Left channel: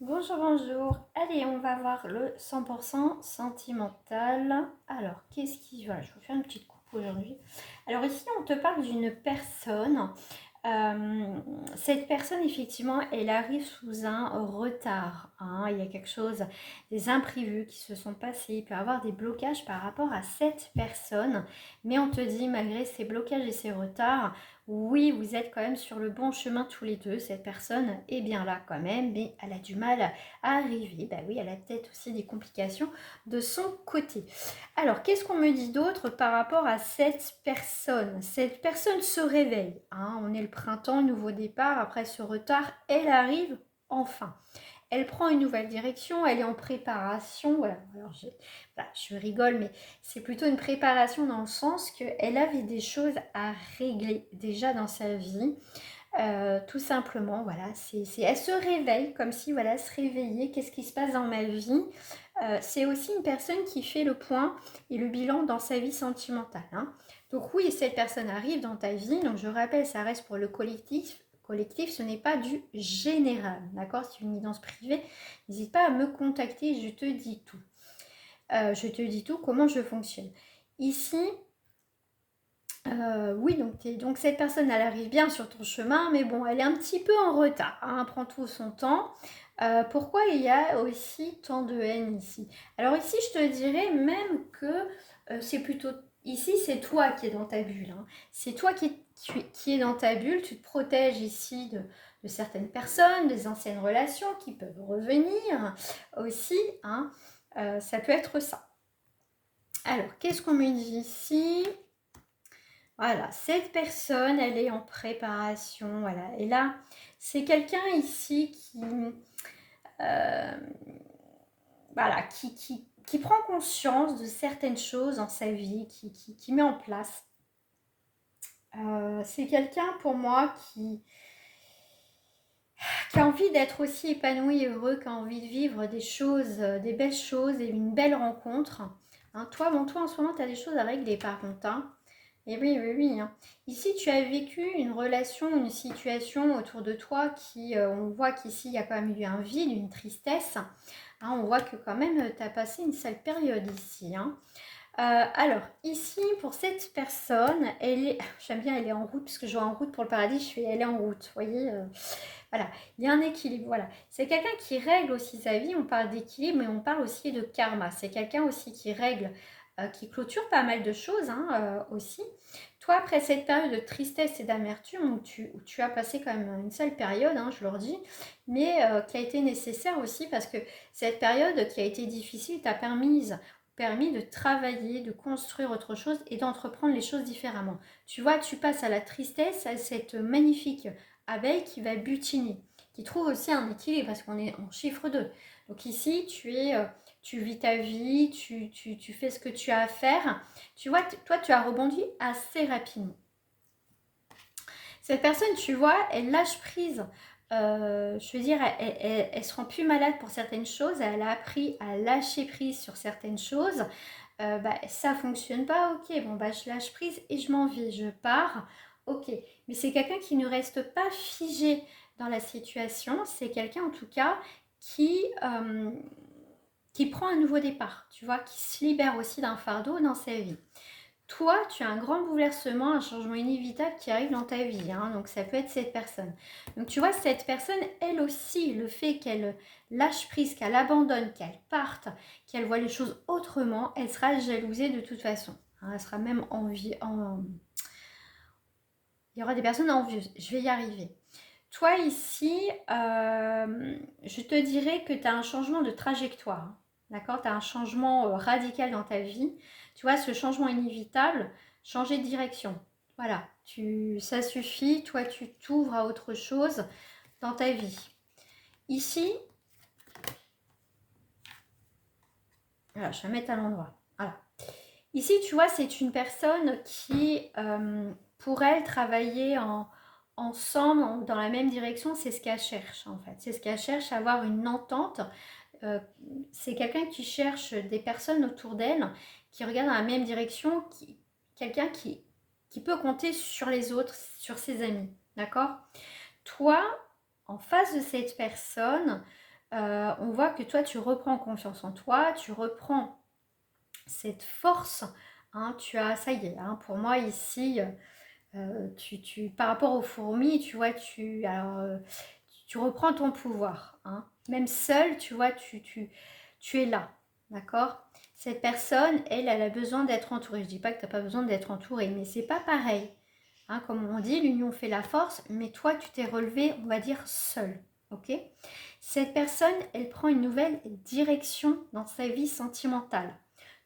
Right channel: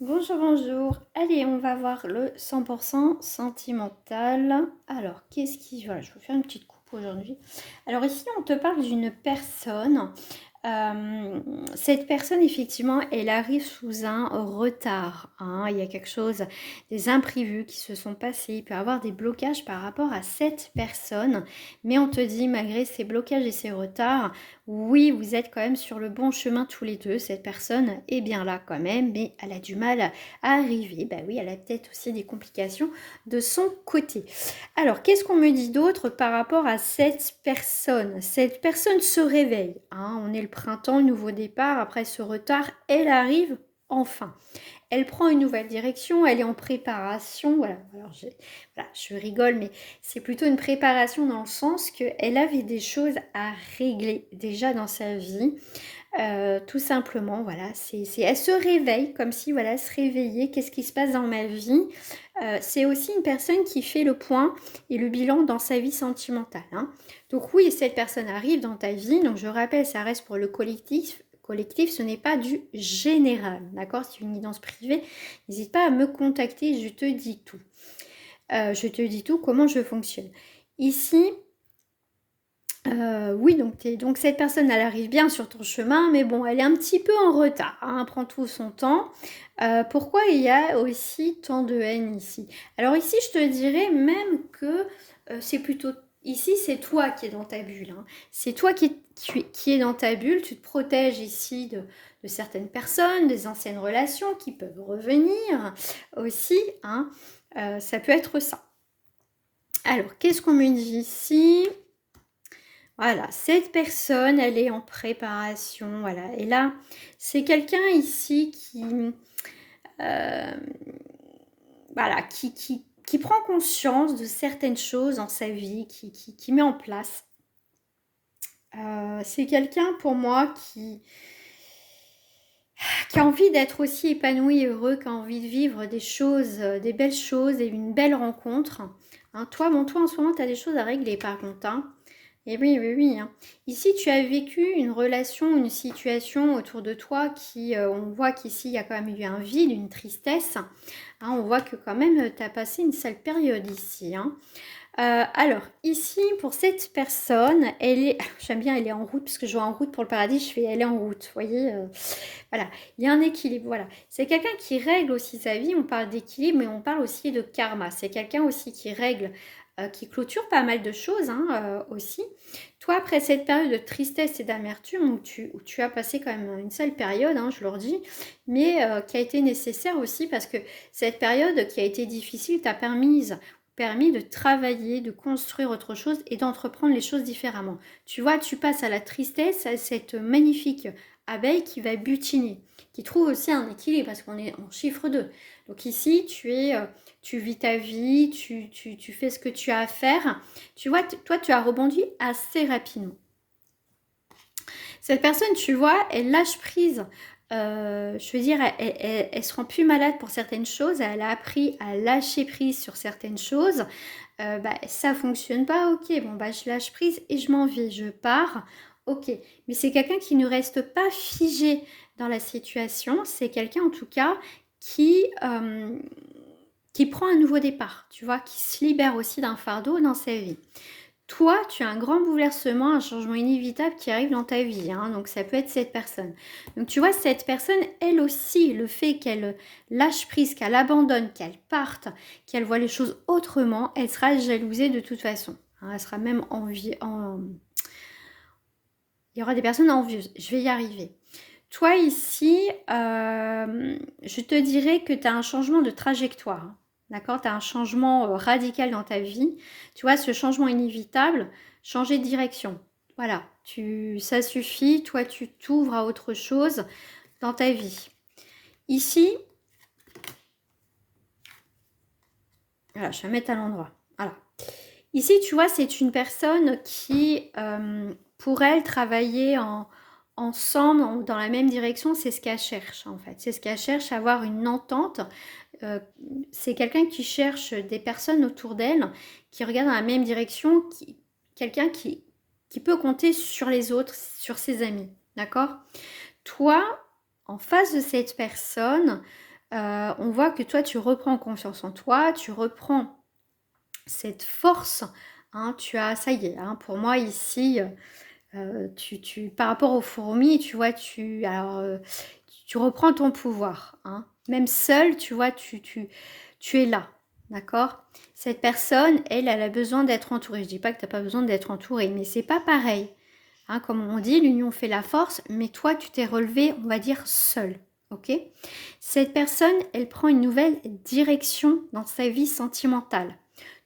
Bonjour, bonjour. Allez, on va voir le 100% sentimental. Alors, qu'est-ce qui... Voilà, je vais vous faire une petite coupe aujourd'hui. Alors ici, on te parle d'une personne. Cette personne, effectivement, elle arrive sous un retard, hein. Il y a quelque chose, des imprévus qui se sont passés. Il peut y avoir des blocages par rapport à cette personne. Mais on te dit, malgré ces blocages et ces retards, oui, vous êtes quand même sur le bon chemin tous les deux. Cette personne est bien là quand même, mais elle a du mal à arriver. Bah oui, elle a peut-être aussi des complications de son côté. Alors, qu'est-ce qu'on me dit d'autre par rapport à cette personne? Cette personne se réveille, hein. On est le printemps, le nouveau départ. Après ce retard, elle arrive enfin. Elle prend une nouvelle direction, elle est en préparation. Voilà, alors voilà, je rigole, mais c'est plutôt une préparation dans le sens qu'elle avait des choses à régler déjà dans sa vie. Tout simplement, voilà, elle se réveille comme si, voilà, se réveillait, qu'est-ce qui se passe dans ma vie. C'est aussi une personne qui fait le point et le bilan dans sa vie sentimentale, hein. Donc oui, cette personne arrive dans ta vie, donc je rappelle, ça reste pour le collectif. Collectif, ce n'est pas du général, d'accord? C'est une guidance privée. N'hésite pas à me contacter, je te dis tout. Je te dis tout, comment je fonctionne. Ici, oui, donc cette personne, elle arrive bien sur ton chemin, mais bon, elle est un petit peu en retard, hein, elle prend tout son temps. Pourquoi il y a aussi tant de haine ici? Alors ici, je te dirais même que c'est plutôt... Ici, c'est toi qui es dans ta bulle, hein. C'est toi qui es dans ta bulle, tu te protèges ici de certaines personnes, des anciennes relations qui peuvent revenir aussi, hein. Ça peut être ça. Alors, qu'est-ce qu'on me dit ici? Voilà, cette personne, elle est en préparation, voilà. Et là, c'est quelqu'un ici euh, voilà, qui prend conscience de certaines choses dans sa vie, qui met en place. C'est quelqu'un pour moi qui a envie d'être aussi épanoui et heureux, qui a envie de vivre des choses, des belles choses et une belle rencontre. Hein, toi, bon, toi en ce moment, tu as des choses à régler par contre, hein. Et oui, oui, oui, hein. Ici, tu as vécu une relation, une situation autour de toi qui, on voit qu'ici, il y a quand même eu un vide, une tristesse, hein. On voit que quand même, tu as passé une sale période ici, hein. Alors, ici, pour cette personne, elle est, j'aime bien, elle est en route, parce que je vois en route pour le paradis, je fais, elle est en route, vous voyez, voilà, il y a un équilibre, voilà. C'est quelqu'un qui règle aussi sa vie, on parle d'équilibre, mais on parle aussi de karma. C'est quelqu'un aussi qui règle, qui clôture pas mal de choses, hein, aussi. Toi, après cette période de tristesse et d'amertume, où tu as passé quand même une sale période, hein, je leur dis, mais qui a été nécessaire aussi, parce que cette période qui a été difficile t'a permis de travailler, de construire autre chose et d'entreprendre les choses différemment. Tu vois, tu passes à la tristesse, à cette magnifique abeille qui va butiner, qui trouve aussi un équilibre parce qu'on est en chiffre 2. Donc ici, tu vis ta vie, tu fais ce que tu as à faire. Tu vois, toi, tu as rebondi assez rapidement. Cette personne, tu vois, elle lâche prise. Je veux dire, elle se rend plus malade pour certaines choses. Elle a appris à lâcher prise sur certaines choses. Ça fonctionne pas, ok, bon, je lâche prise et je m'en vais, je pars, ok. Mais c'est quelqu'un qui ne reste pas figé dans la situation. C'est quelqu'un, en tout cas, qui, euh, qui prend un nouveau départ, tu vois, qui se libère aussi d'un fardeau dans sa vie. Toi, tu as un grand bouleversement, un changement inévitable qui arrive dans ta vie, hein, donc ça peut être cette personne. Donc tu vois, cette personne, elle aussi, le fait qu'elle lâche prise, qu'elle abandonne, qu'elle parte, qu'elle voit les choses autrement, elle sera jalousée de toute façon, hein. Elle sera même il y aura des personnes envieuses, je vais y arriver. Toi ici, je te dirais que tu as un changement de trajectoire, hein. D'accord? Tu as un changement radical dans ta vie. Tu vois, ce changement inévitable, changer de direction. Voilà, ça suffit. Toi, tu t'ouvres à autre chose dans ta vie. Ici, voilà, je vais mettre à l'endroit. Voilà. Ici, tu vois, c'est une personne qui, pour elle, travailler ensemble dans la même direction, c'est ce qu'elle cherche en fait. C'est ce qu'elle cherche, avoir une entente. Euh, c'est quelqu'un qui cherche des personnes autour d'elle, qui regardent dans la même direction, quelqu'un qui peut compter sur les autres, sur ses amis. D'accord? Toi, en face de cette personne, on voit que toi, tu reprends confiance en toi, tu reprends cette force. Hein, tu as, ça y est, hein, pour moi ici, par rapport aux fourmis, tu vois, tu reprends ton pouvoir. Hein. Même seul, tu vois, tu es là. D'accord. Cette personne, elle a besoin d'être entourée. Je dis pas que tu n'as pas besoin d'être entourée, mais c'est pas pareil. Hein, comme on dit, l'union fait la force, mais toi, tu t'es relevé, on va dire, seul. Ok. Cette personne, elle prend une nouvelle direction dans sa vie sentimentale.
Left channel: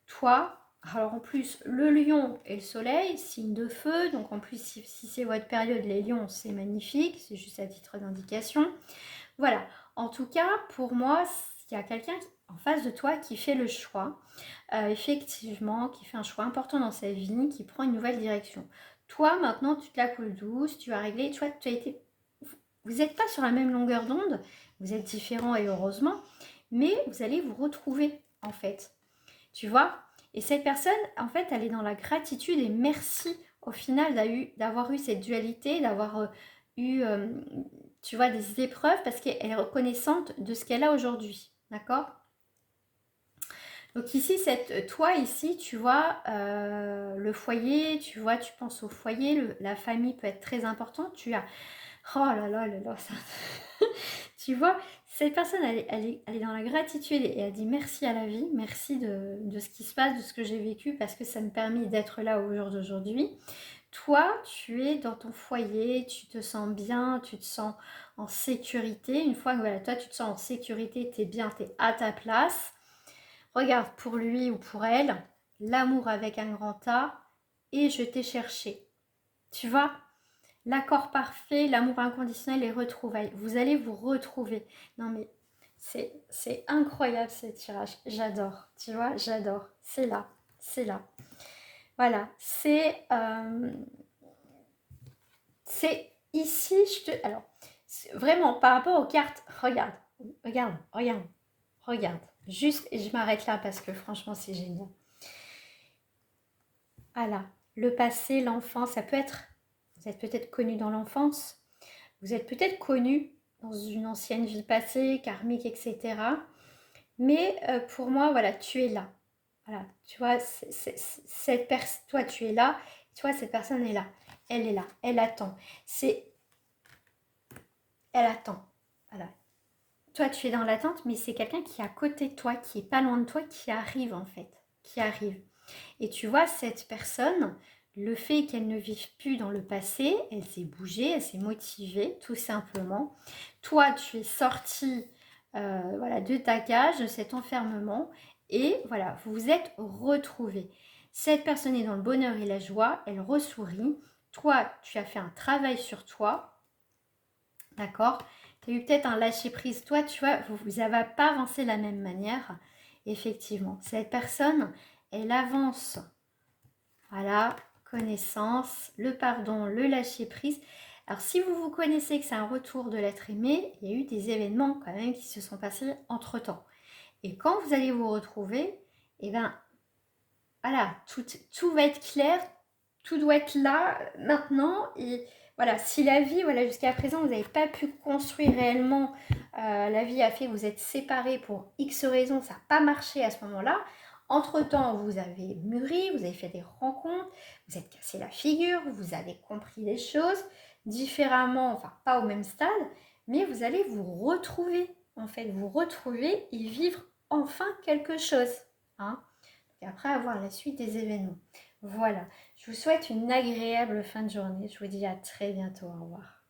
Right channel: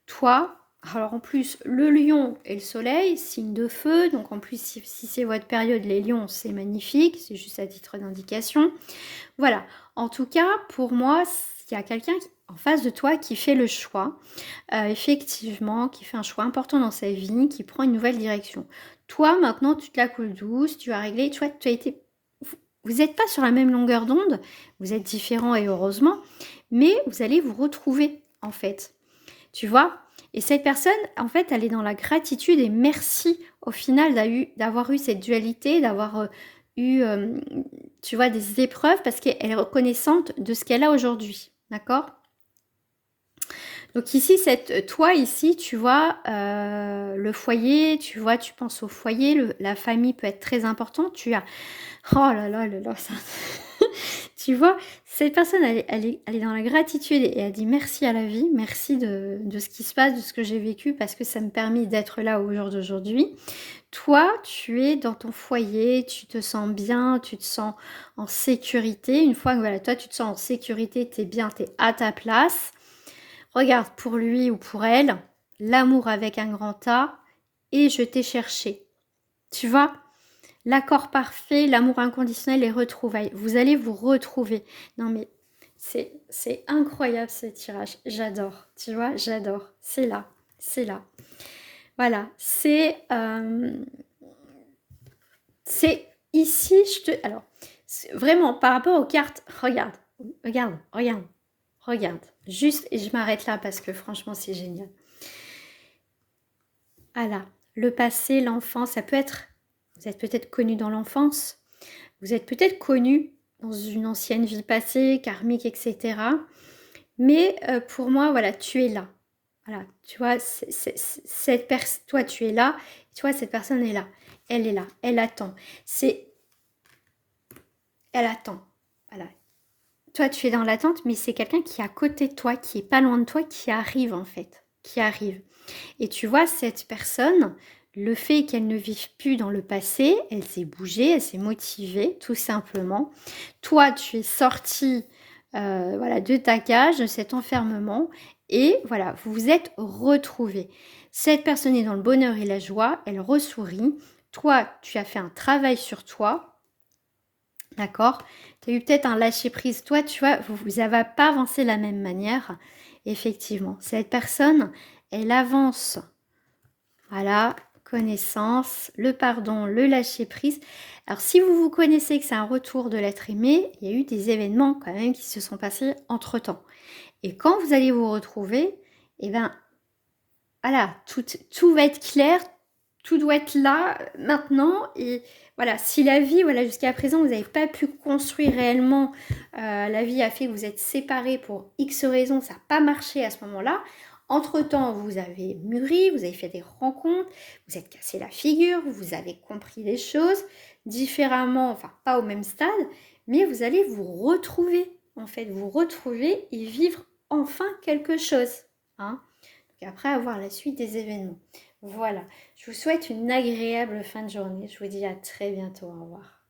Toi, alors en plus, le lion et le soleil, signe de feu, donc en plus, si c'est votre période, les lions, c'est magnifique, c'est juste à titre d'indication. Voilà, en tout cas, pour moi, il y a quelqu'un en face de toi qui fait le choix, effectivement, qui fait un choix important dans sa vie, qui prend une nouvelle direction. Toi, maintenant, tu te la coules douce, tu as réglé, tu vois, tu as été... Vous n'êtes pas sur la même longueur d'onde, vous êtes différents et heureusement, mais vous allez vous retrouver, en fait. Tu vois. Et cette personne, en fait, elle est dans la gratitude et merci au final d'avoir eu cette dualité, d'avoir eu, tu vois, des épreuves parce qu'elle est reconnaissante de ce qu'elle a aujourd'hui. D'accord. Donc ici, toi ici, tu vois, le foyer, tu vois, tu penses au foyer, la famille peut être très importante. Tu as, oh là là, ça... Tu vois, cette personne, elle est dans la gratitude et elle dit merci à la vie, merci de ce qui se passe, de ce que j'ai vécu, parce que ça me permet d'être là au jour d'aujourd'hui. Toi, tu es dans ton foyer, tu te sens bien, tu te sens en sécurité. Une fois que voilà, toi, tu te sens en sécurité, tu es bien, tu es à ta place. Regarde, pour lui ou pour elle, l'amour avec un grand A, et je t'ai cherché. Tu vois, l'accord parfait, l'amour inconditionnel, les retrouvailles. Vous allez vous retrouver. Non mais c'est incroyable ce tirage. J'adore. Tu vois, j'adore. C'est là. C'est là. Voilà. C'est ici. Alors, vraiment, par rapport aux cartes, regarde. Regarde. Regarde. Regarde. Juste, et je m'arrête là parce que franchement, c'est génial. Voilà. Le passé, l'enfance, ça peut être... Vous êtes peut-être connu dans l'enfance. Vous êtes peut-être connu dans une ancienne vie passée, karmique, etc. Mais pour moi, voilà, tu es là. Voilà, tu vois, toi, tu es là. Tu vois, cette personne est là. Elle est là. Elle attend. Elle attend. Voilà. Toi, tu es dans l'attente, mais c'est quelqu'un qui est à côté de toi, qui est pas loin de toi, qui arrive en fait. Qui arrive. Et tu vois, cette personne, le fait qu'elle ne vive plus dans le passé, elle s'est bougée, elle s'est motivée, tout simplement. Toi, tu es sorti voilà, de ta cage, de cet enfermement, et voilà, vous vous êtes retrouvés. Cette personne est dans le bonheur et la joie, elle ressourit. Toi, tu as fait un travail sur toi, d'accord. Tu as eu peut-être un lâcher-prise. Toi, tu vois, vous n'avez pas avancé de la même manière, effectivement. Cette personne, elle avance. Voilà, connaissance, le pardon, le lâcher-prise. Alors, si vous vous connaissez que c'est un retour de l'être aimé, il y a eu des événements quand même qui se sont passés entre-temps. Et quand vous allez vous retrouver, eh bien, voilà, tout va être clair, tout doit être là maintenant. Et voilà, si la vie, voilà, jusqu'à présent, vous n'avez pas pu construire réellement, la vie a fait que vous êtes séparés pour X raisons, ça n'a pas marché à ce moment-là. Entre-temps, vous avez mûri, vous avez fait des rencontres, vous êtes cassé la figure, vous avez compris les choses différemment, enfin pas au même stade, mais vous allez vous retrouver, en fait, vous retrouver et vivre enfin quelque chose. Hein. Et après avoir la suite des événements. Voilà, je vous souhaite une agréable fin de journée. Je vous dis à très bientôt. Au revoir.